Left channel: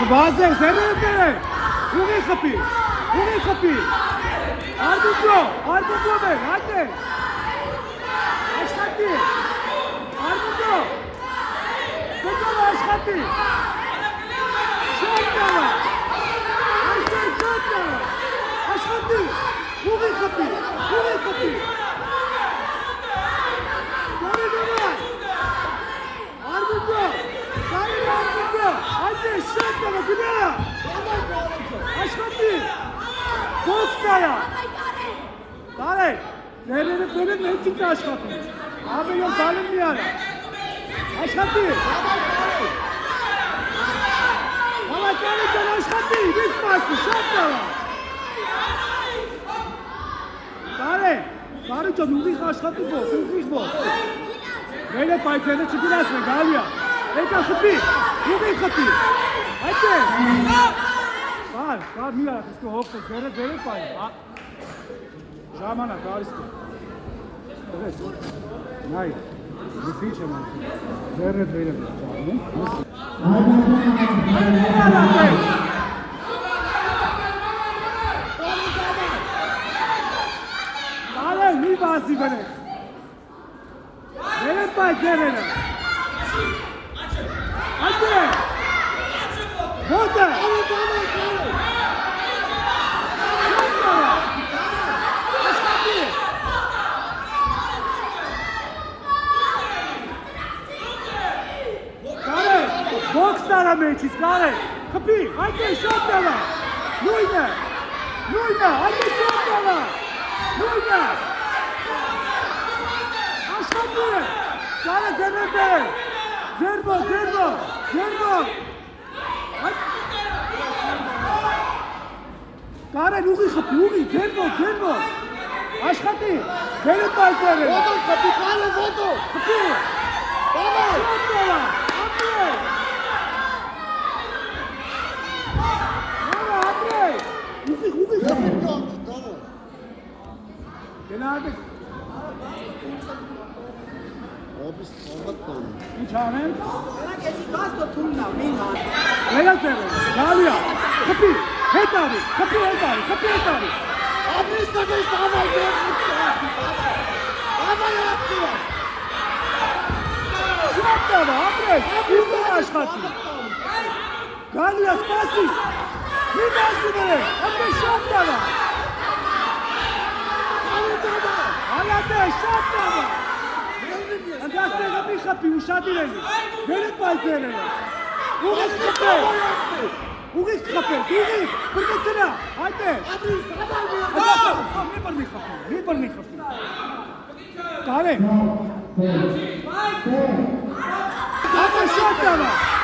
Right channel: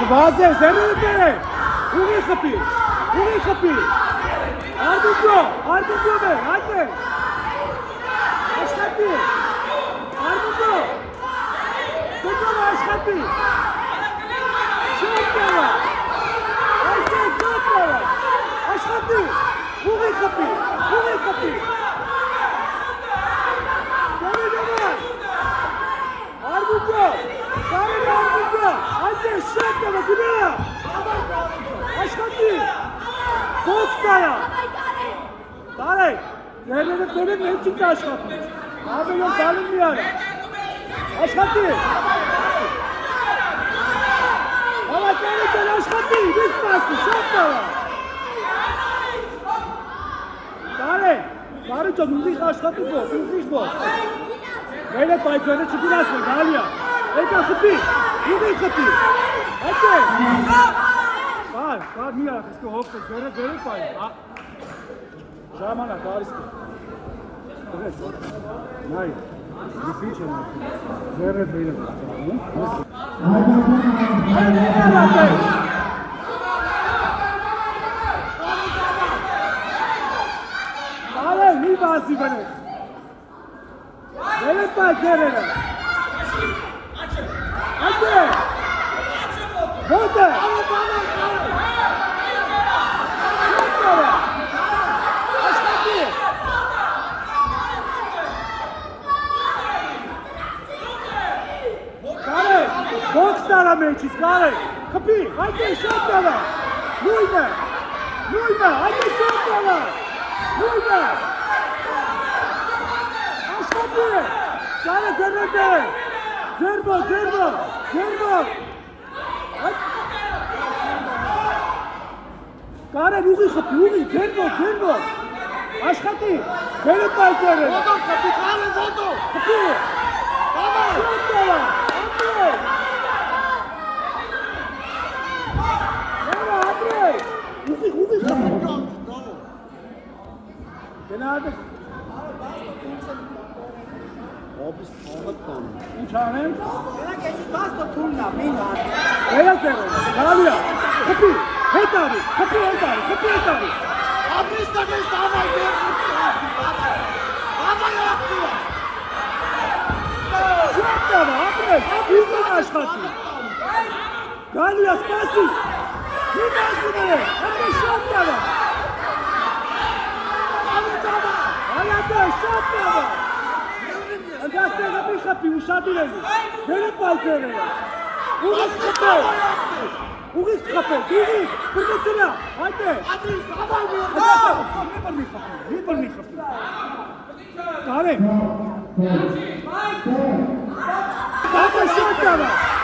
Չբազ է, զերուտ է, ուղի խպի, Արգուգյո դե, հայտ է, աշխատի, Արգուգյո, սոկյով աշխատի, շոտ նավա, այսել շոտ նավա, աշխատի, ուղի խպի, Արգուգյո, այսել շոտ նավա, գնա, աշխատի, Բոքսայա, տարեք, ձերերը կորեն նենցից աշխատի, ավելոն բալին մի արա, աշխատի, հավատերը ձեր աշխատի, վիշ մասի, շատ նավա, տարեք ճոտ ուղիղ աշխատի բոք, վերը պայցերը չգիրասվեն, գալիա, եկա խպի, ուղիղ խպի, հետ է, Կավ մի արախ, իսկո հովտ է, ձերը պայր, ժամանակ, արիստի, տղեց, նայ, լիսի չեմ ակի, ձերը բերը Ալայ, մի բասի բնեք, բերը պայր ձերերը, հատ է, հոտ է, Բոքս տարա մեջից, կարեք, խպի, այդ է շատ նավա, նույնը, այդ է շատ նավա, նույնը, աշխատի է, կարեք ձերնոտ է, ձերբոք, կարեք ուղի խպի, ուղի, ձերբոք, աշխատի, բերը պայցեր է, խպի, շատ նավա, Obis format konu. Uçağını? Bana kesin gasto turla, bin var. Neler söylüyor? Galiya. Kapı. Het abi. Kapı. Şuat da var. Adres. Bizden aşkatı. Galiya spasi. Bir bastı bana. Adres şuat da var. Hayatı şuat da var. Andastığı kapı uşadı dedi. Böyle paltere. Uğuz kapı. Kırmızına. Haydi. Ne parmi kapı. Kare. Baba şok da var.